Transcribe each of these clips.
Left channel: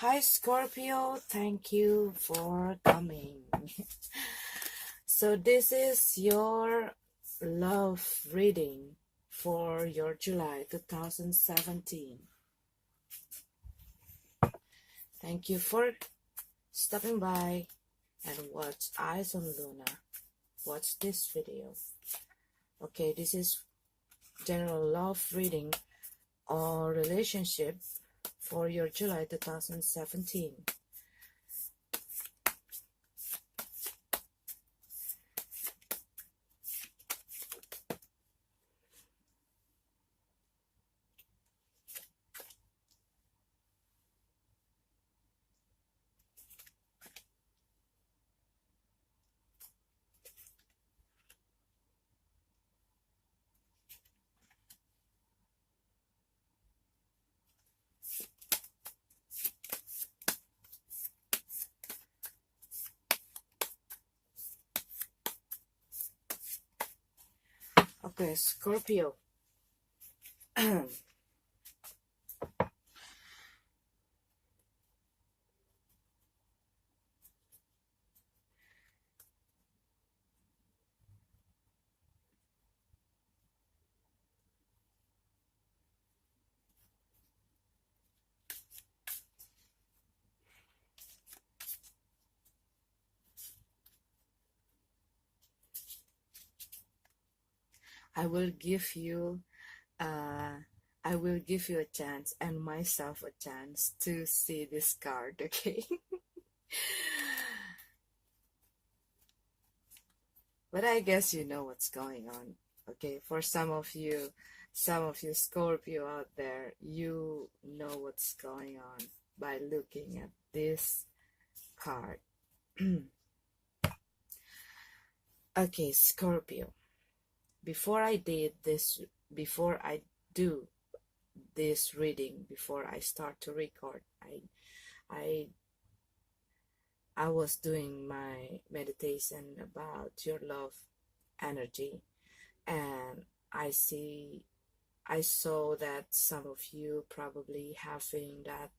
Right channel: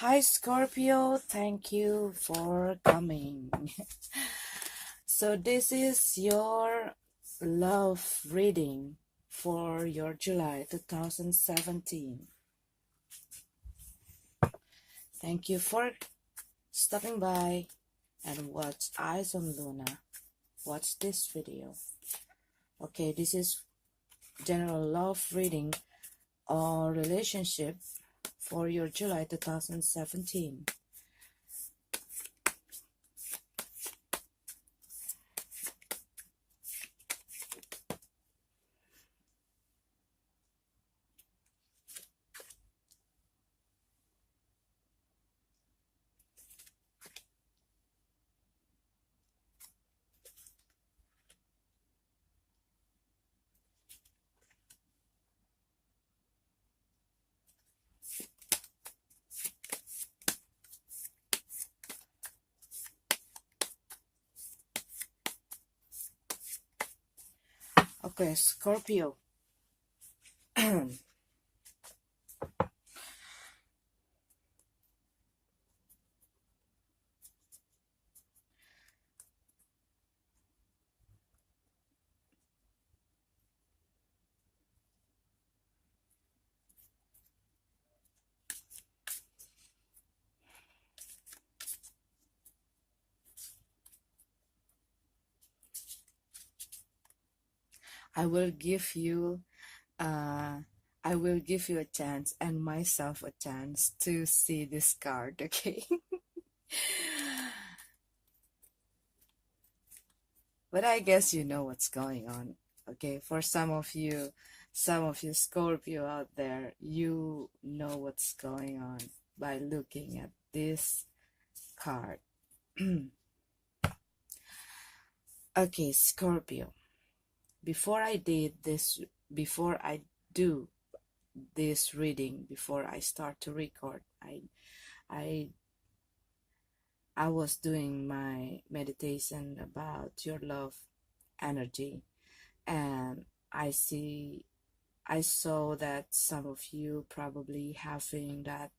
Hi Scorpio, thank you for coming. So this is your love reading for your July 2017. Thank you for stopping by and watch Eyes on Luna. Watch this video. Okay, this is general love reading or relationship for your July 2017. Okay, Scorpio. I will give you uh I will give you a chance and myself a chance to see this card, okay? But I guess you know what's going on. Okay, for some of you Scorpio out there, you know what's going on by looking at this card. Okay, Scorpio. Before I do this reading, before I start to record, I I was doing my meditation about your love energy, and I saw that some of you probably having that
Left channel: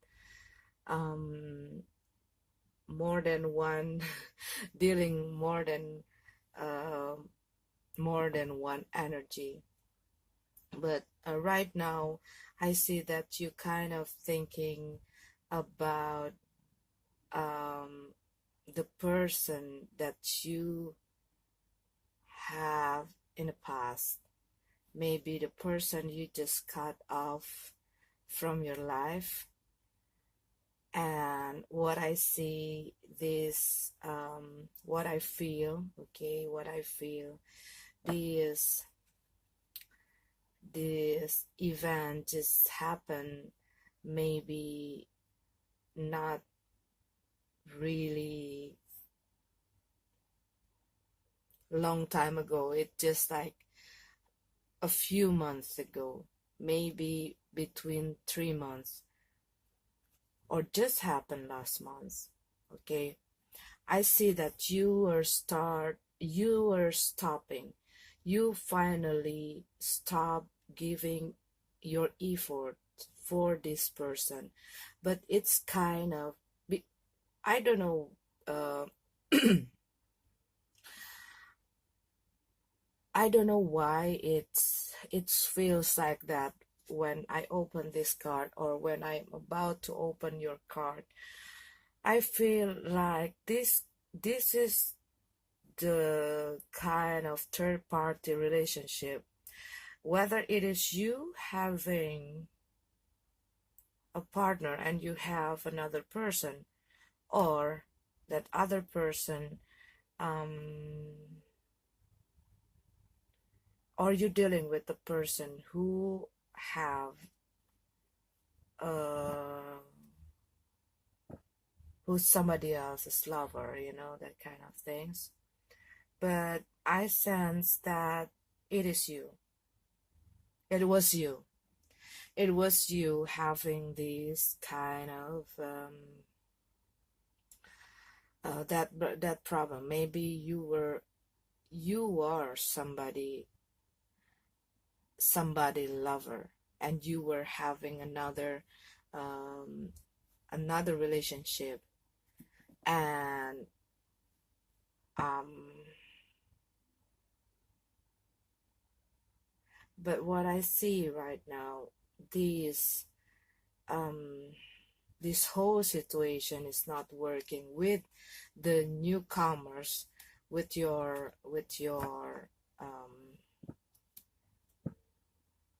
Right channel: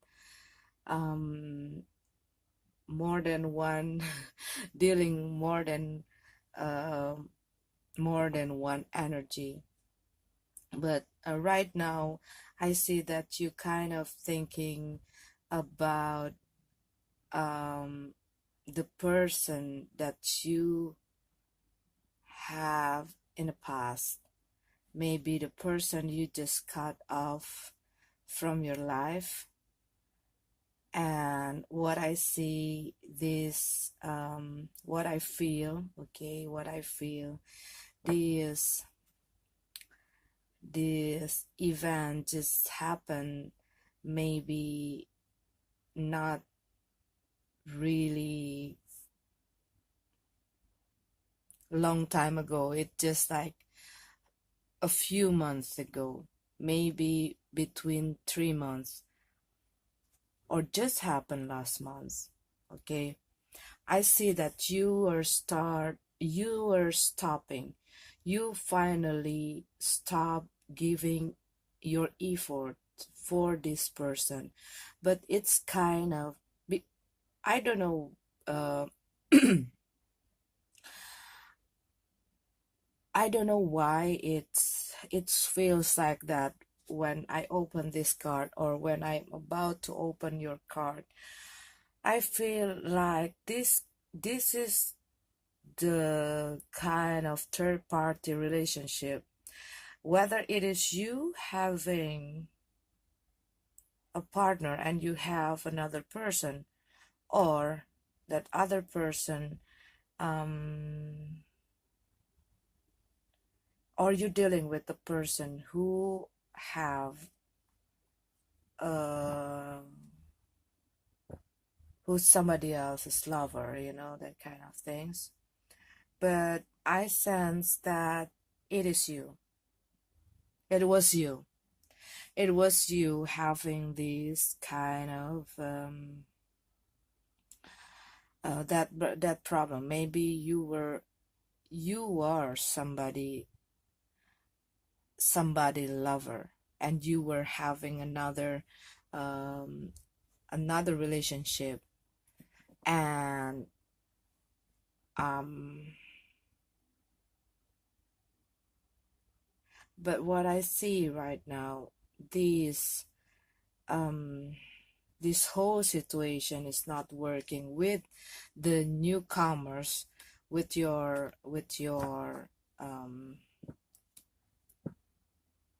more than one dealing uh, more than one energy. But right now I see that you kind of thinking about the person that you have in the past, maybe the person you just cut off from your life. And what I see, this what I feel, okay, what I feel, this event just happened, maybe not really long time ago. It just like a few months ago, maybe between 3 months, or just happened last month. Okay, I see that you are stopping. You finally stop giving your effort for this person, but it's kind of, I don't know, I don't know why it feels like that when I open this card, or when I'm about to open your card. I feel like this is the kind of third party relationship, whether it is you having a partner and you have another person, or that other person, um, or you're dealing with a person who have uh, who's somebody else's lover, that kind of things. But I sense that it is you. It was you. It was you having this kind of that problem. Maybe you are somebody lover, and you were having another um, another relationship. And um but what I see right now, this um this whole situation is not working with the newcomers, um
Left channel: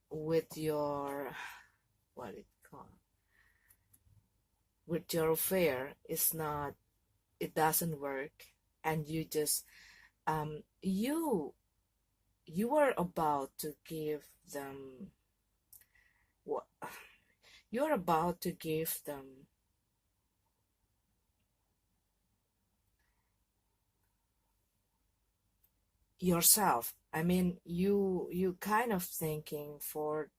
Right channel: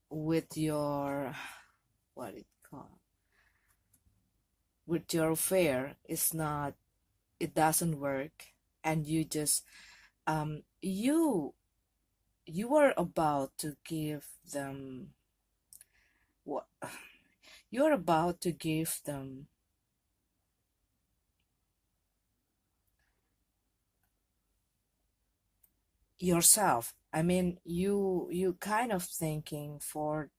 with your what it called with your affair. It's not, it doesn't work. And you just you were about to give them what you're about to give them yourself. I mean, you kind of thinking for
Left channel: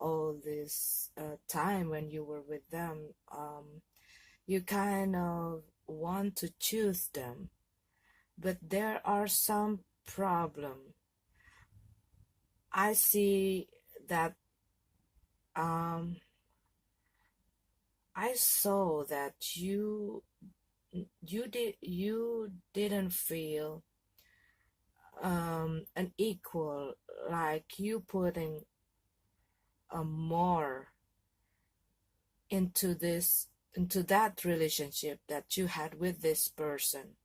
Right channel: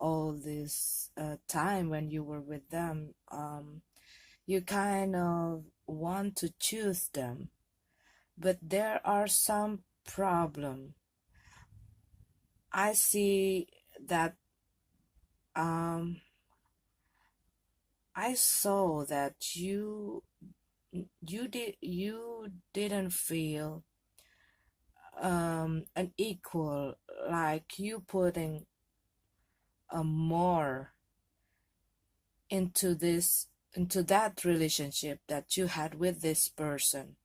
all this time when you were with them, you kind of want to choose them, but there are some problem. I see that um I saw that you didn't feel an equal, like you putting a more into this, into that relationship that you had with this person.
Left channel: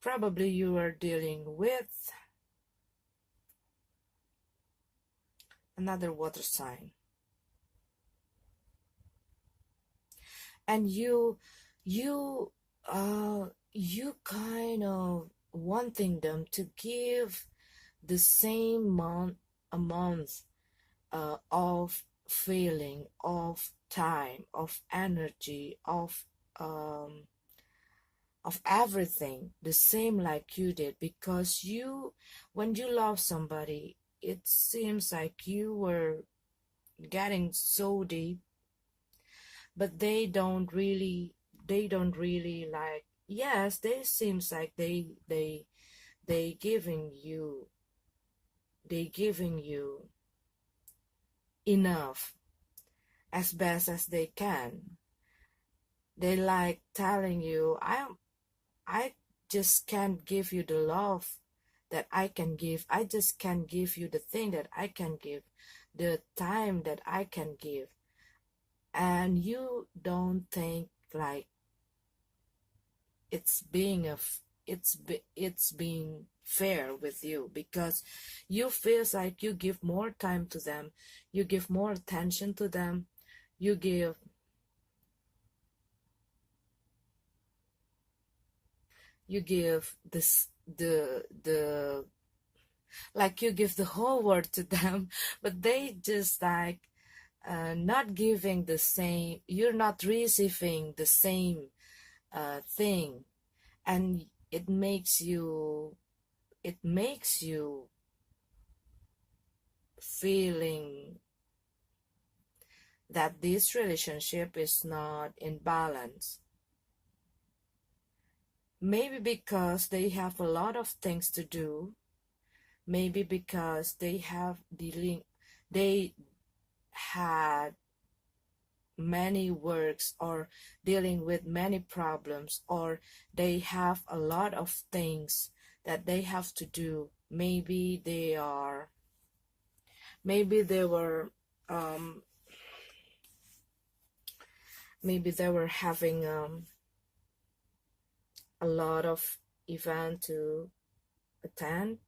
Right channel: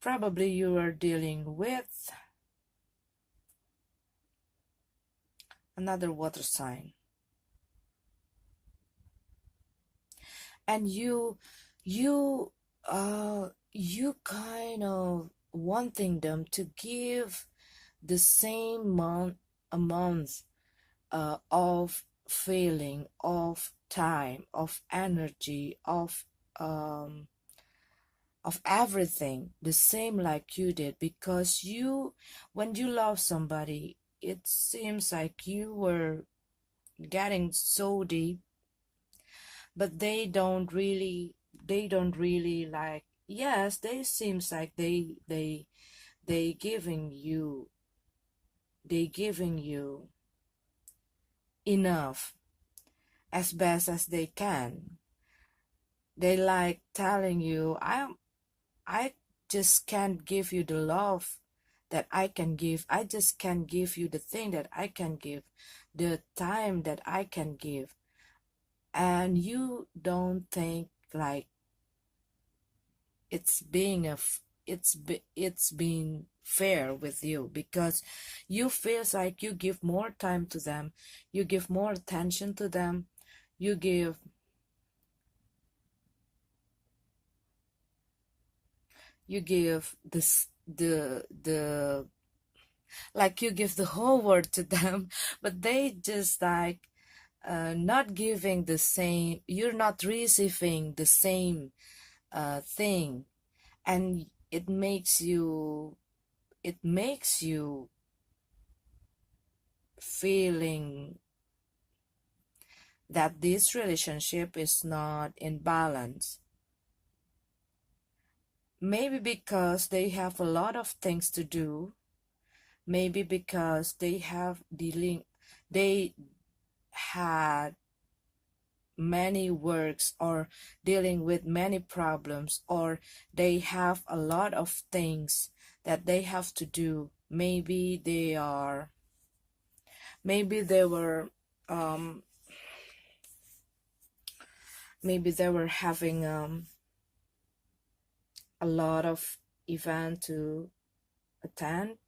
Probably you are dealing with another water sign, and you you kind of wanting them to give the same amount of feeling, of time, of energy, of everything the same like you did, because you, when you love somebody, it seems like you were getting so deep, but they don't really like, yes, they seems like they giving you enough as best as they can. They like telling you, I just can't give you the love that I can give. I just can't give you the thing that I can give, the time that I can give. And you don't think like it's being it's being fair with you, because you feels like you give more time to them, you give more attention to them, you give this the like you give the whole world to them, but they just like not giving the same, you're not receiving the same thing. And it makes you feeling that this relationship is not in balance. Maybe because they have a lot of things to do, maybe because they had many works, or dealing with many problems, or they have a lot of things that they have to do. Maybe they were um maybe they were having a lot of event to attend,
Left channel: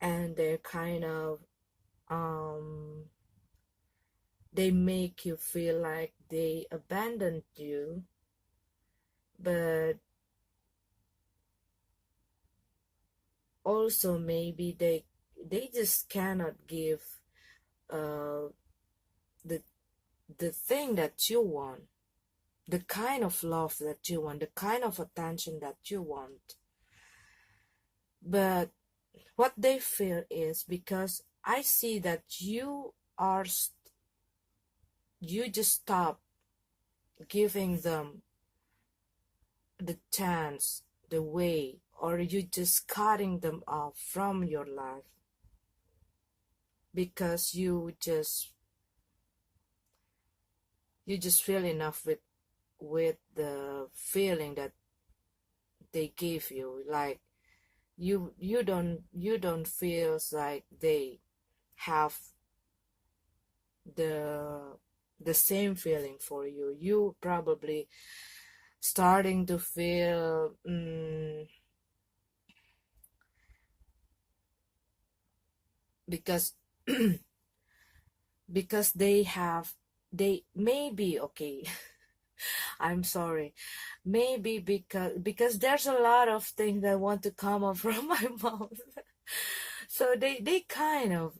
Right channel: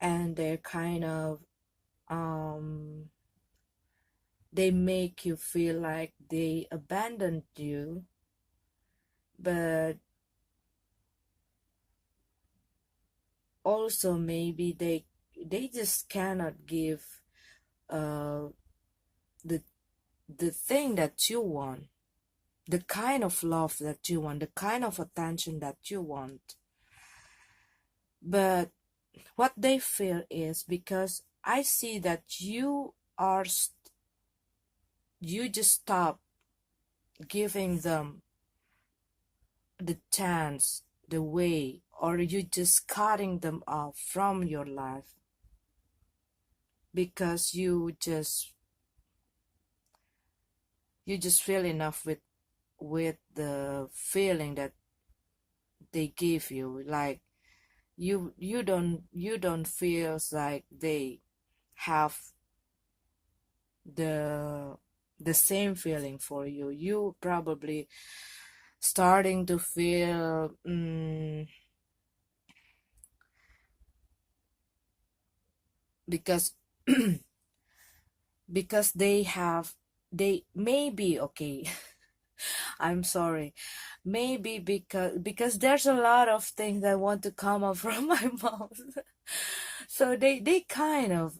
and they're kind of um they make you feel like they abandoned you. But also maybe they just cannot give uh the the thing that you want, the kind of love that you want, the kind of attention that you want. But what they feel is, because I see that you just stop giving them the chance, the way, or you just cutting them off from your life. because you just feel enough with the feeling that they give you. Like you don't feel like they have the the same feeling for you. You probably starting to feel because because they maybe okay. I'm sorry, maybe because there's a lot of things that want to come up from my mouth. So they kind of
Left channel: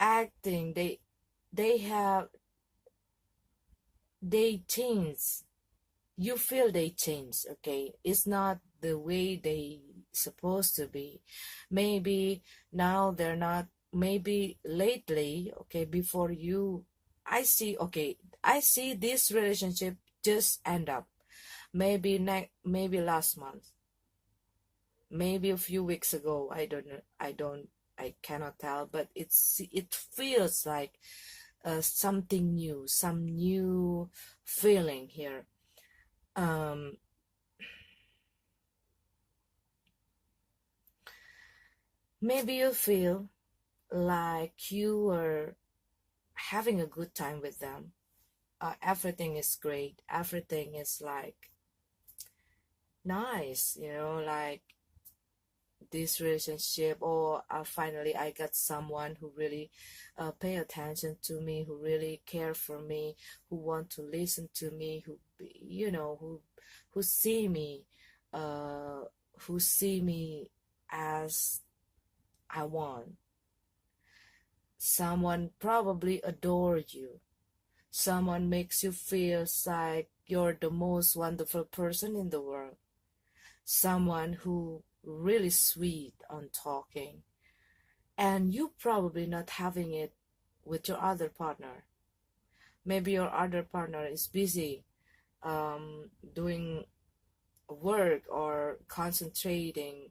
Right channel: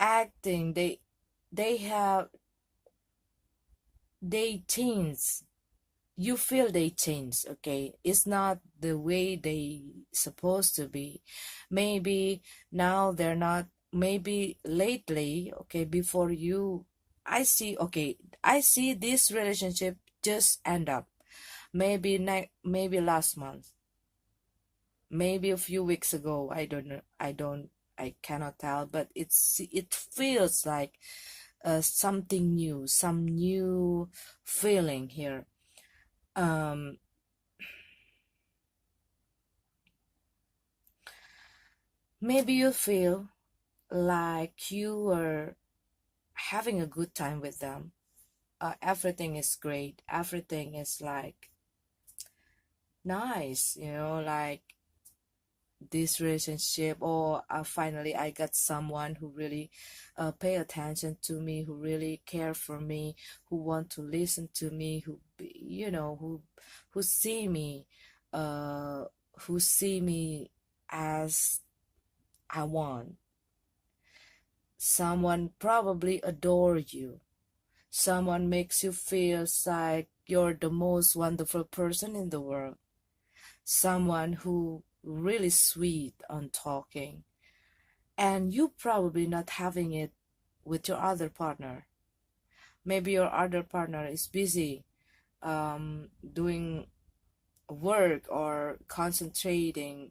acting, they have they change. You feel they change, okay? It's not the way they supposed to be. Maybe now they're not, maybe lately, okay, before you, I see this relationship just end up. Maybe last month, maybe a few weeks ago. I don't know. I cannot tell, but it feels like something new, some new feeling here. Um, Maybe you feel like you are having a good time with them. Everything is great. Everything is like nice, like this relationship. Or finally, I got someone who really pay attention to me, who really care for me, who want to listen to me, who see me, uh, who see me as I want. Someone probably adore you. Someone makes you feel like you're the most wonderful person in the world. Someone who really sweet on talking. And you probably not having it with your other partner. Maybe your other partner is busy doing work or concentrating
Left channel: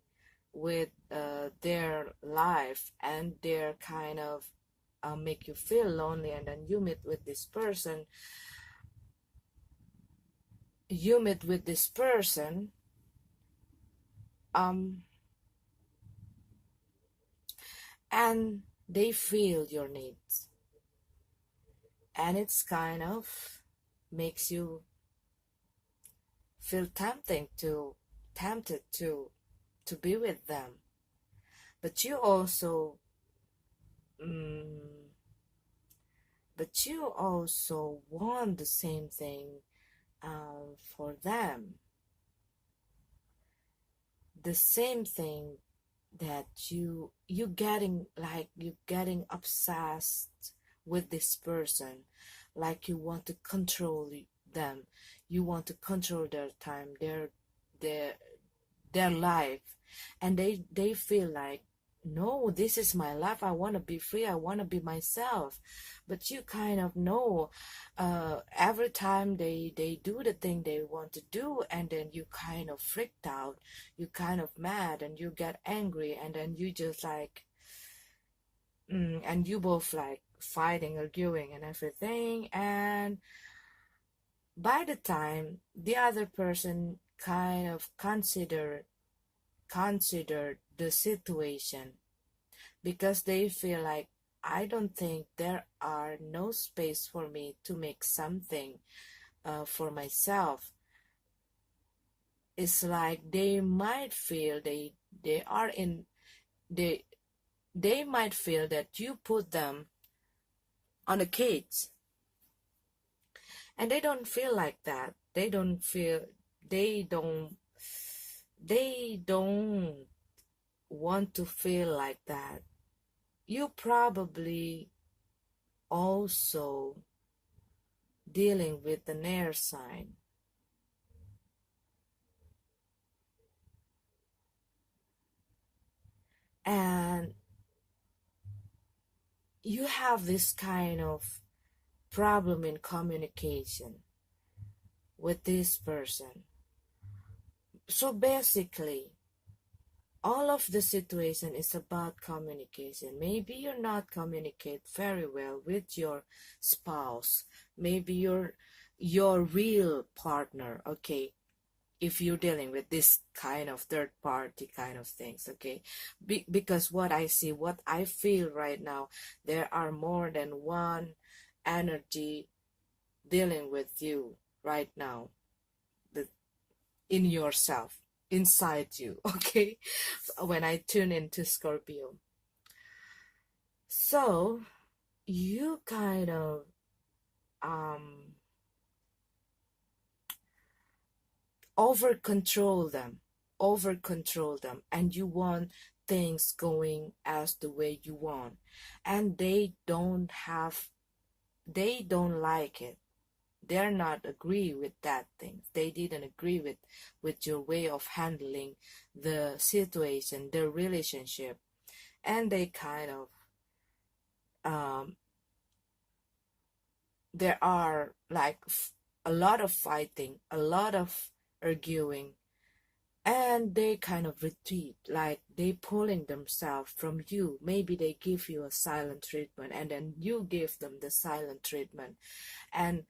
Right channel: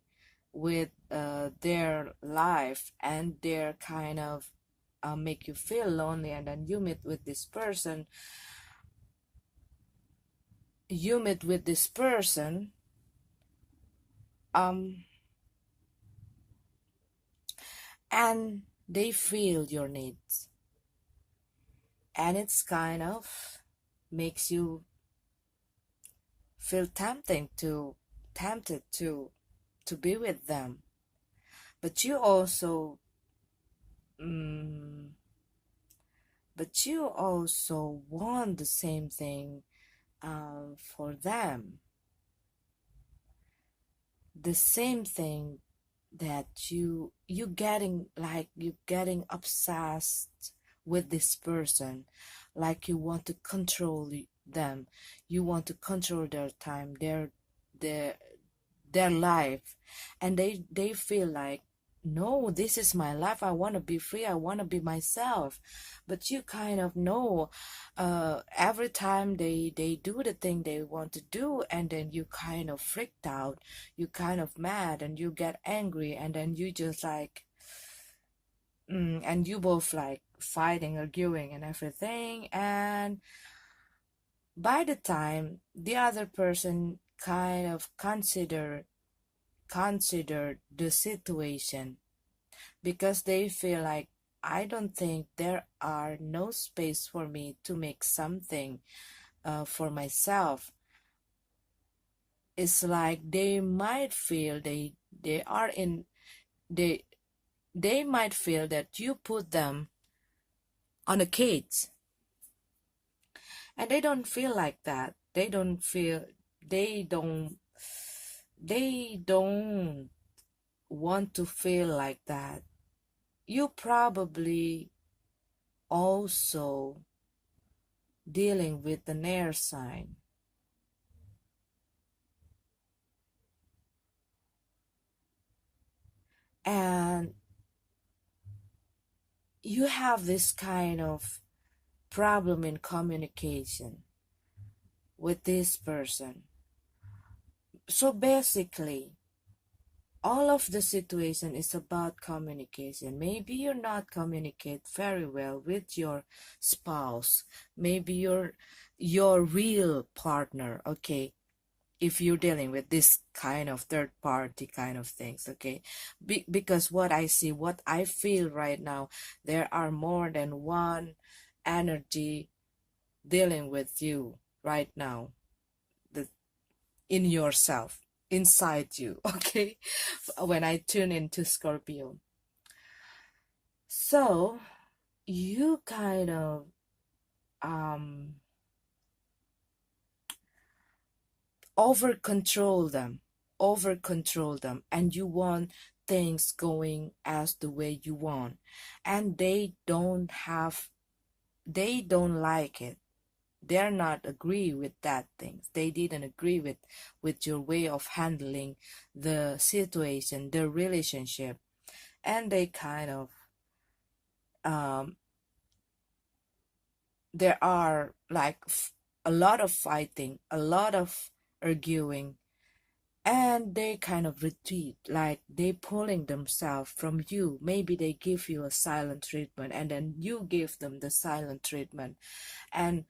with their life, and they're kind of make you feel lonely. And then you meet with this person, um and they feel your needs, and it's kind of makes you feel tempted to be with them. But you also mm, want the same thing for them, the same thing, that you getting obsessed with this person, like you want to control them, you want to control their time, their their life. And they feel like, no, this is my life, I want to be free, I want to be myself. But you kind of know, every time they do the thing they want to do, and then you kind of freaked out, you kind of mad, and you get angry, and then you just like and you both like fighting, arguing and everything. And by the time the other person kind of consider the situation, because they feel like, I don't think there are no space for me to make something for myself. It's like they might feel they are in they they might feel that you put them on a cage, and they don't feel like that. They don't they don't want to feel like that. You probably also dealing with the air sign, and you have this kind of problem in communication with this person. So basically, all of the situation is about communication. Maybe you're not communicate very well with your spouse, maybe your real partner, okay, if you're dealing with this kind of third party kind of things, okay. Because what I see, what I feel right now, there are more than one energy dealing with you right now, the in yourself, inside you, okay, when I tune into Scorpio. So you kind of um over control them, and you want things going as the way you want, and they don't like it. They're not agree with that things. They didn't agree with your way of handling the situation, the relationship, and they kind of um there are like a lot of fighting, a lot of arguing, and they kind of retreat, like they pulling themselves from you. Maybe they give you a silent treatment, and then you give them the silent treatment, and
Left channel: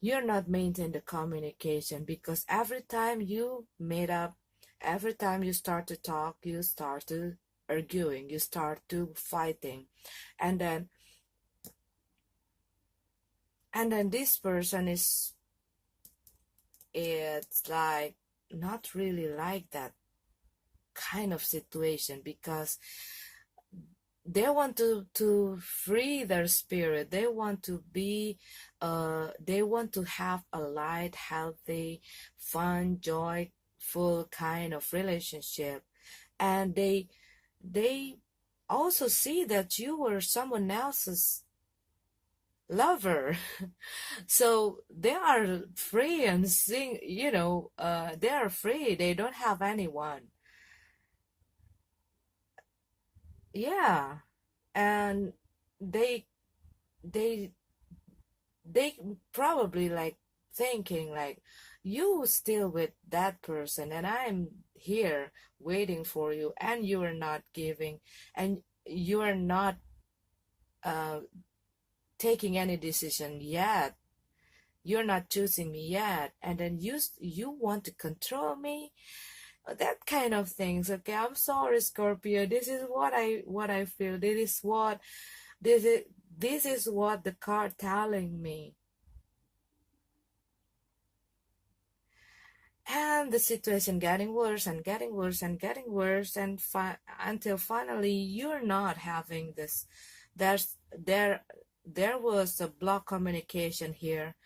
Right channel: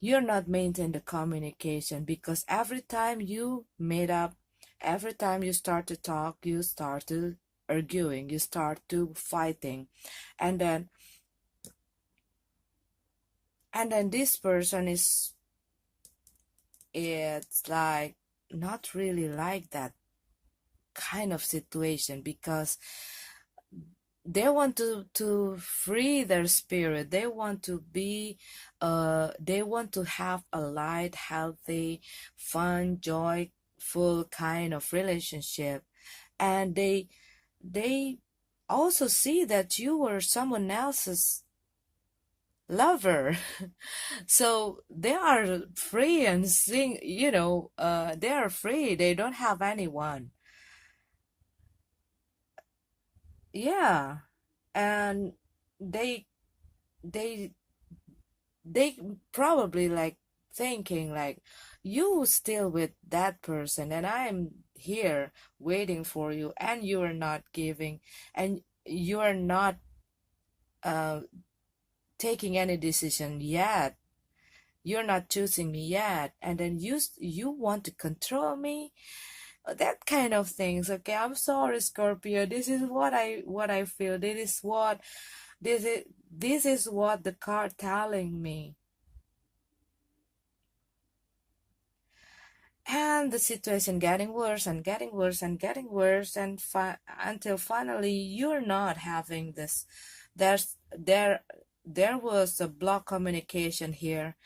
you're not maintaining the communication, because every time you meet up, every time you start to talk, you start to arguing, you start to fighting, and then this person is, it's like not really like that kind of situation, because they want to free their spirit. They want to be they want to have a light, healthy, fun, joyful kind of relationship, and they also see that you were someone else's lover. So they are free and sing, they are free, they don't have anyone. Yeah. And they they they probably like thinking like, you still with that person, and I'm here waiting for you, and you are not giving, and you are not uh, taking any decision yet, you're not choosing me yet, and then you want to control me, that kind of things. Okay, I'm sorry, Scorpio, this is what I feel. This is this is what the card telling me. And the situation getting worse and getting worse and getting worse, and until finally you're not having this. there's there there was a block communication here,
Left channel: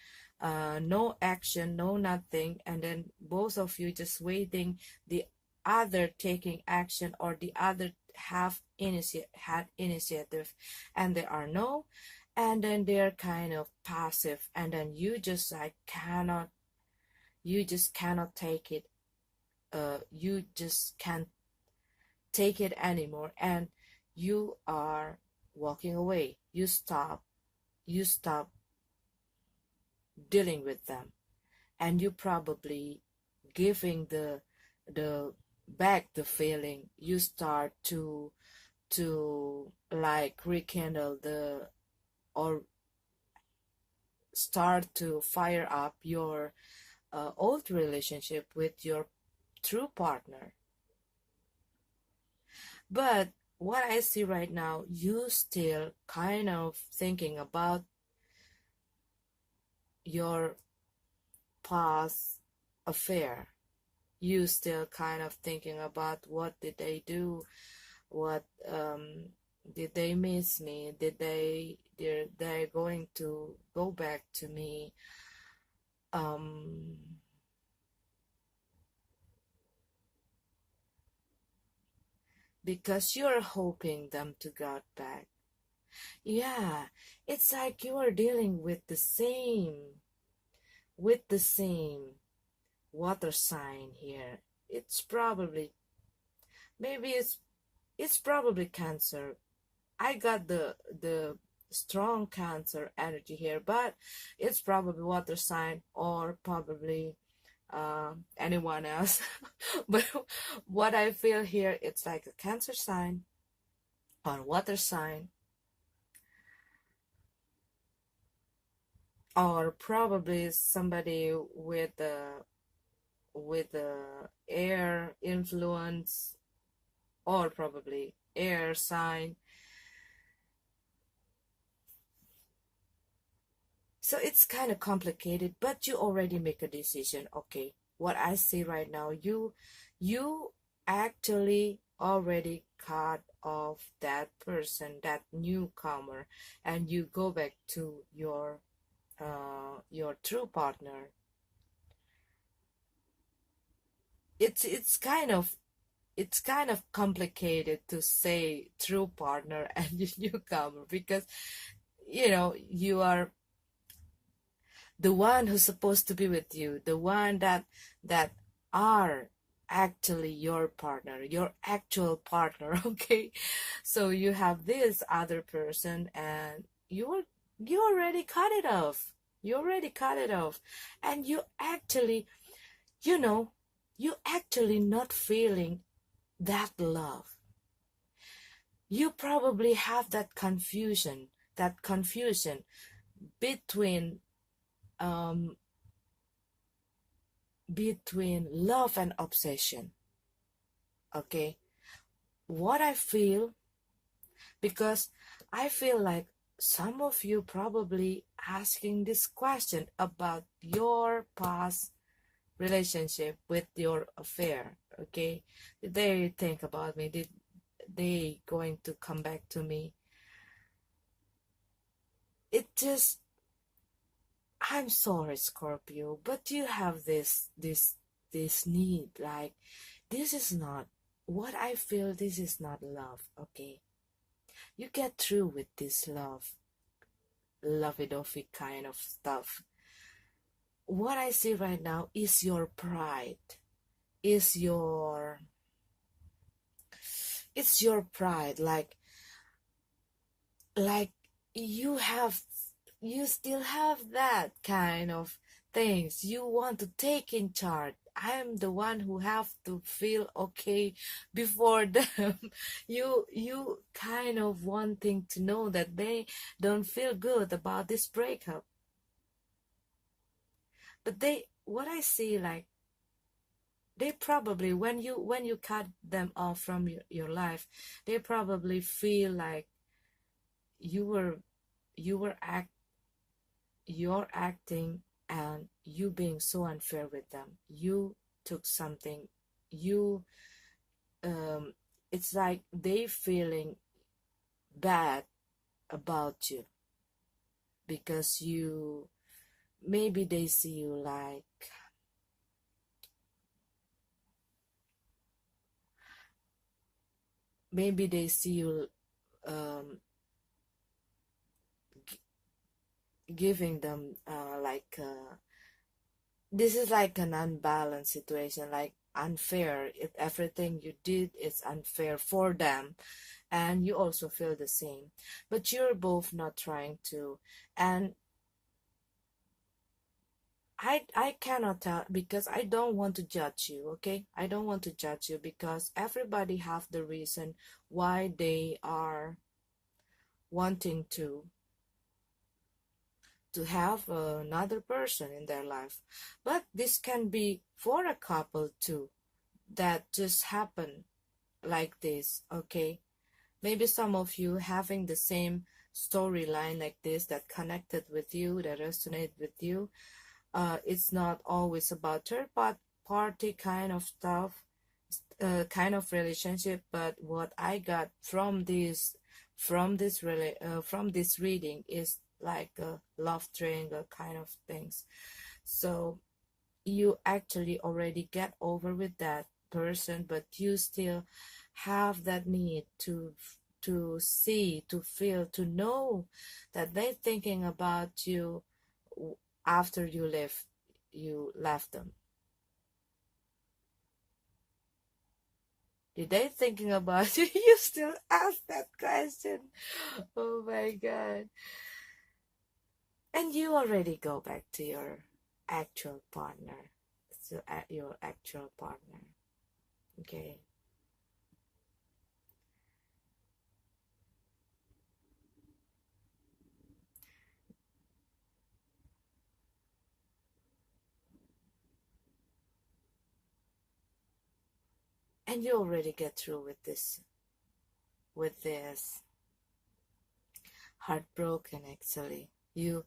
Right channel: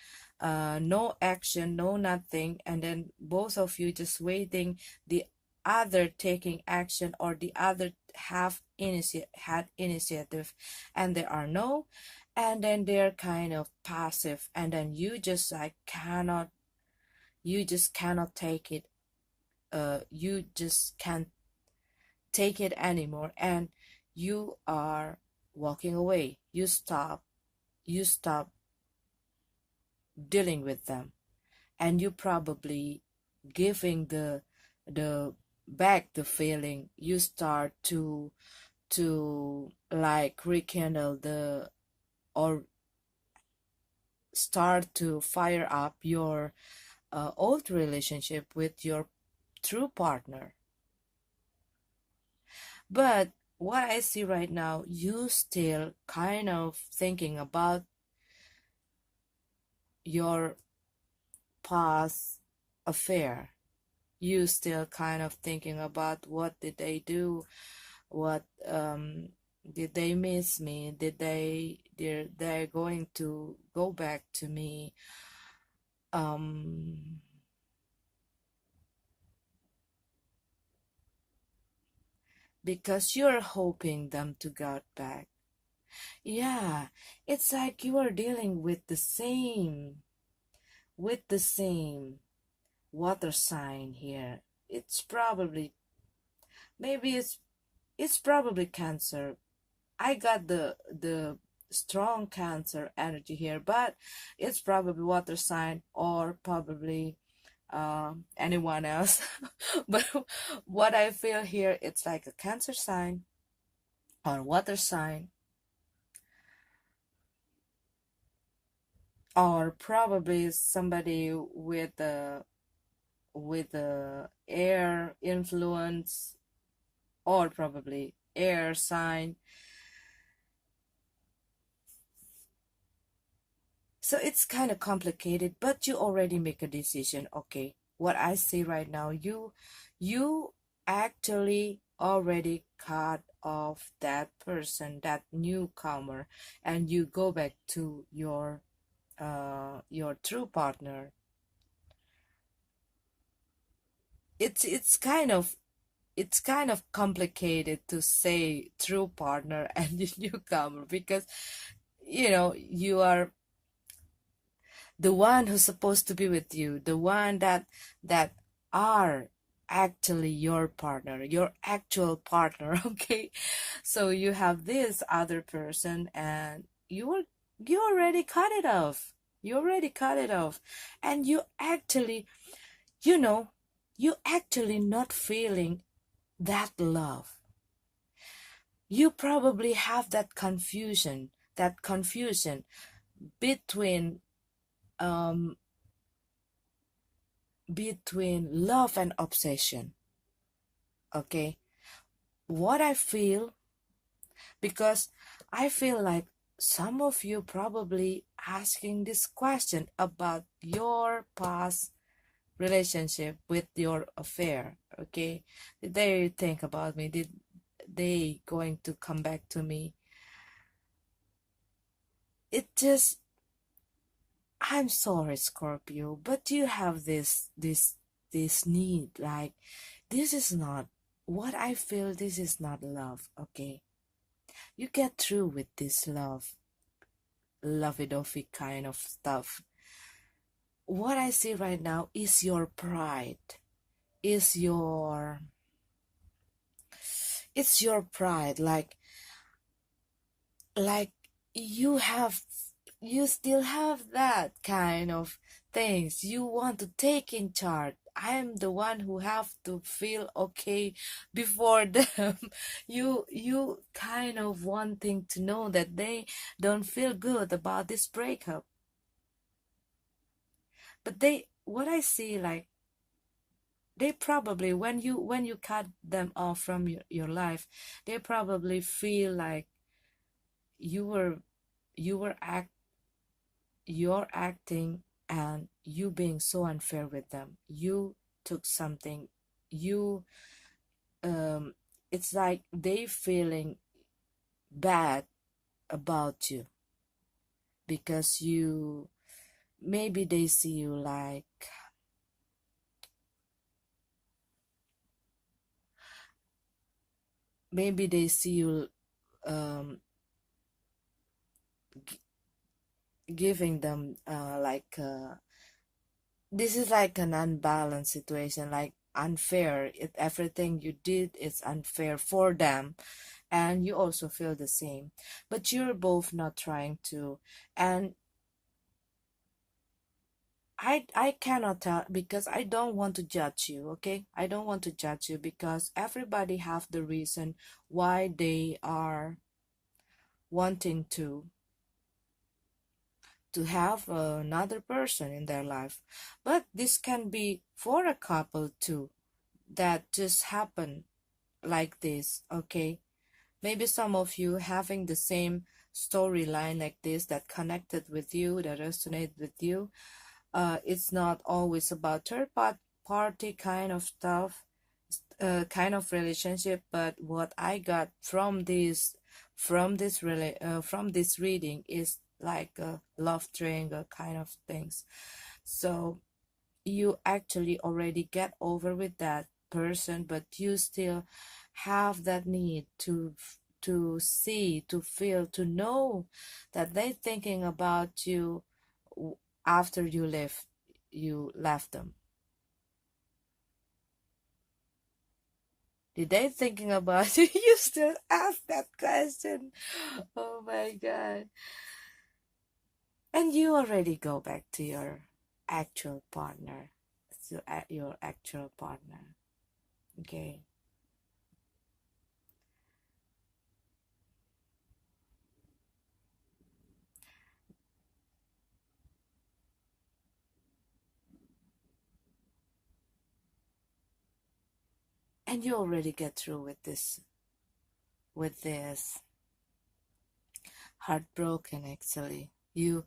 no action, no nothing, and then both of you just waiting the other taking action, or the other had initiative, and there are no, and then they're kind of passive, and then you just cannot take it, you just can't take it anymore, and you are walking away. You stop dealing with them, and you probably giving the back the feeling. You start to like rekindle the, or start to fire up your old relationship with your true partner. But what I see right now, you still kind of thinking about your past affair. You still kind of thinking about, what did they do? What did they miss me? They're going to go back to me? Um, because you're hoping them to get back. Yeah, it's like you are dealing with the same water sign here. It's probably, maybe it's probably Cancer. I got the strong Cancer energy here, but it's probably water sign, or probably anyone else. But what I feel here, it's like a Cancer sign or water sign, or probably somebody with the air influence, or probably air sign. So it's kind of complicated, but you already make a decision. Okay, what I see right now, you actually already cut off that person, that newcomer, and you go back to your true partner. It's kind of complicated to say true partner and the newcomer, because you are the one who's supposed to be with you, the one that are actually your partner, your actual partner. Okay, so you have this other person, and you already cut it off. You already cut it off, and you know you actually not feeling that love. You probably have that confusion between um between love and obsession. Okay, what I feel, because I feel like some of you probably asking this question about your past relationship with your affair. Okay, did they think about me? Did they going to come back to me? It just, I'm sorry, Scorpio, but you have this need, like, this is not what I feel. This is not love. Okay, you get through with this lovey-dovey kind of stuff. What I see right now is your pride, is your it's your pride, like you have you still have that kind of things. You want to take in charge. I am the one who have to feel okay before them. You kind of wanting to know that they don't feel good about this breakup. But what I see, like, they probably, when you cut them off from your life, they probably feel like you were you were act you're acting, and you being so unfair with them. You took something, you um it's like they feeling bad about you, because you maybe they see you like, maybe they see you um g- giving them this is like an unbalanced situation, like unfair. Everything you did is unfair for them, and you also feel the same, but you're both not trying to. And I cannot tell, because I don't want to judge you. Okay, I don't want to judge you, because everybody have the reason why they are wanting to have another person in their life. But this can be for a couple too, that just happen like this. Okay, maybe some of you having the same storyline like this, that connected with you, that resonate with you. It's not always about party kind of stuff, kind of relationship. But what I got from this reading is like a love triangle kind of things. So you actually already get over with that person, but you still have that need to see, to feel, to know that they're thinking about you after you left them. Did they thinking about you? You still ask that question. Oh my god. And you already go back to your actual partner. to your actual partner. Okay. And you already get through with this heartbroken. Actually, you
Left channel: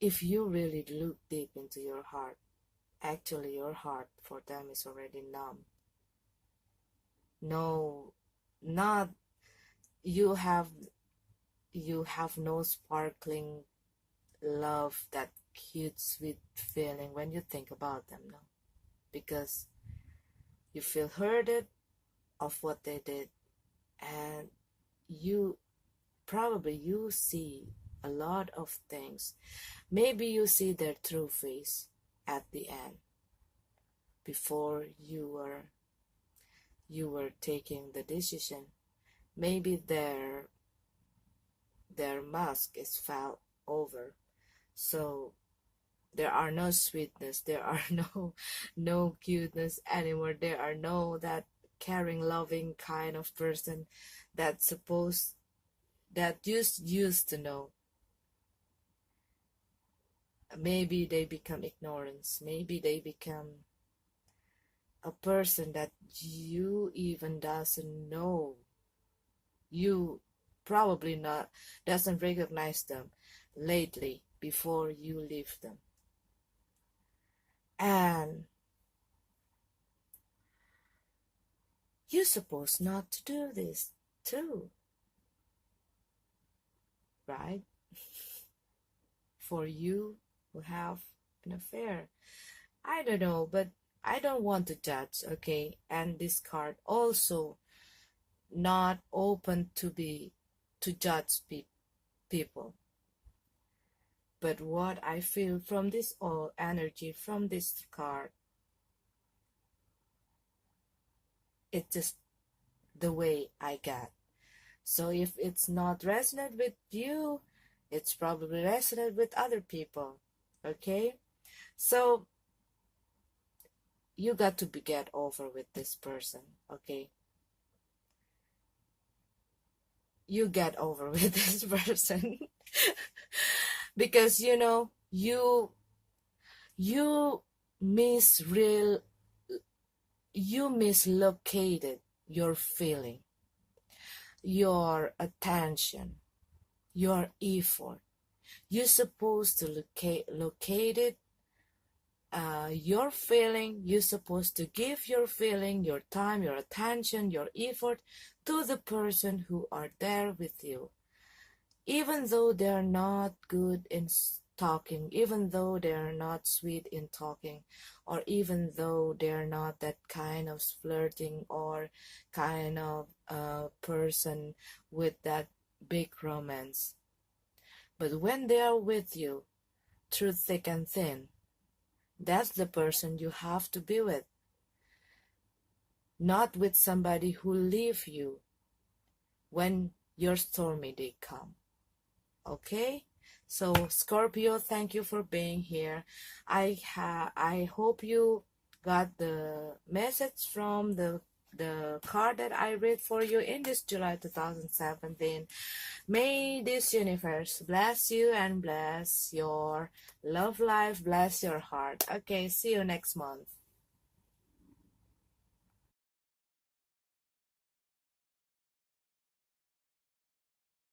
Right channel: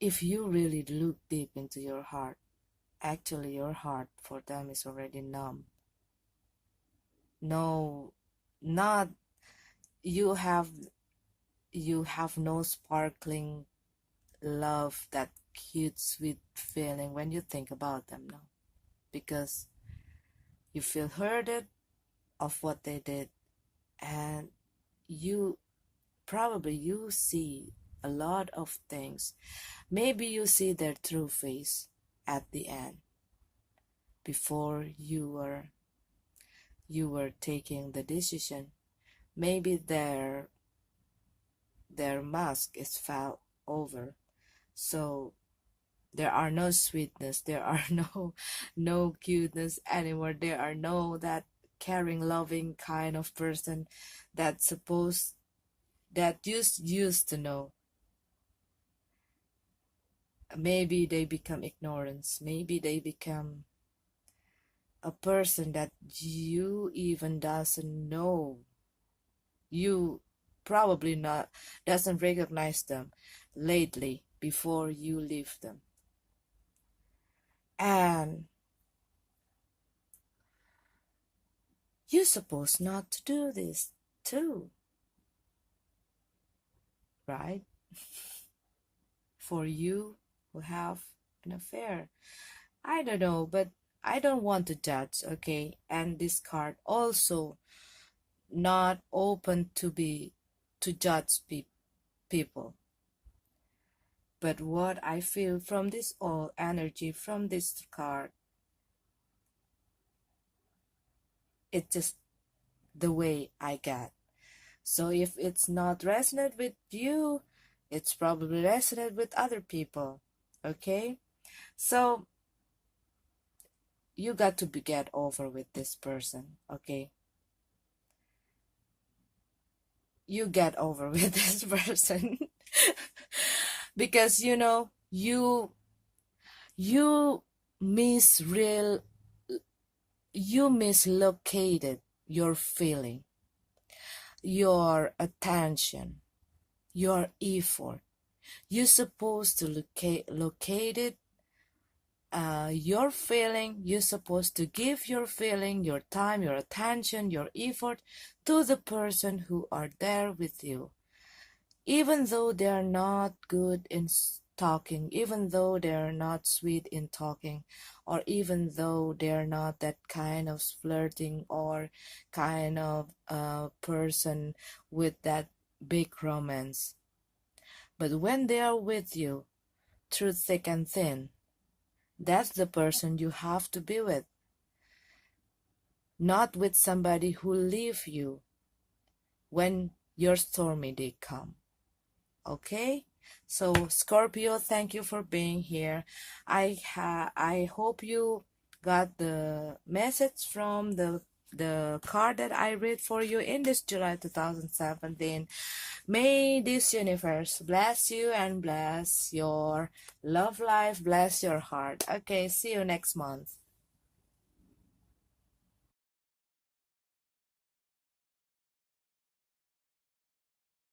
if you really look deep into your heart, actually your heart for them is already numb. No, not you have you have no sparkling love, that cute sweet feeling when you think about them, no, because you feel hurted of what they did, and you probably you see a lot of things. Maybe you see their true face at the end before you were taking the decision. Maybe their mask is fell over, so there are no sweetness, there are no cuteness anymore, there are no that caring loving kind of person that supposed that used to know. Maybe they become ignorance, maybe they become a person that you even doesn't know, you probably not doesn't recognize them lately before you leave them. And you're supposed not to do this too, right? For you who have an affair, I don't know, but I don't want to judge, okay? And this card also not open to judge people. But what I feel from this all energy from this card, it's just the way I get. So if it's not resonate with you, it's probably resonate with other people. Okay? So you got to get over with this person, okay? You get over with this person. Because you misreal you mislocated your feeling, your attention, your effort. You're supposed to locate it, your feeling. You're supposed to give your feeling, your time, your attention, your effort to the person who are there with you. Even though they are not good in talking, even though they are not sweet in talking, or even though they are not that kind of flirting or kind of person with that big romance. But when they are with you through thick and thin, that's the person you have to be with, not with somebody who leave you when your stormy day come. Okay, so Scorpio, thank you for being here. I hope you got the message from the card that I read for you in this July 2017. May this universe bless you and bless your love life, bless your heart. Okay, see you next month.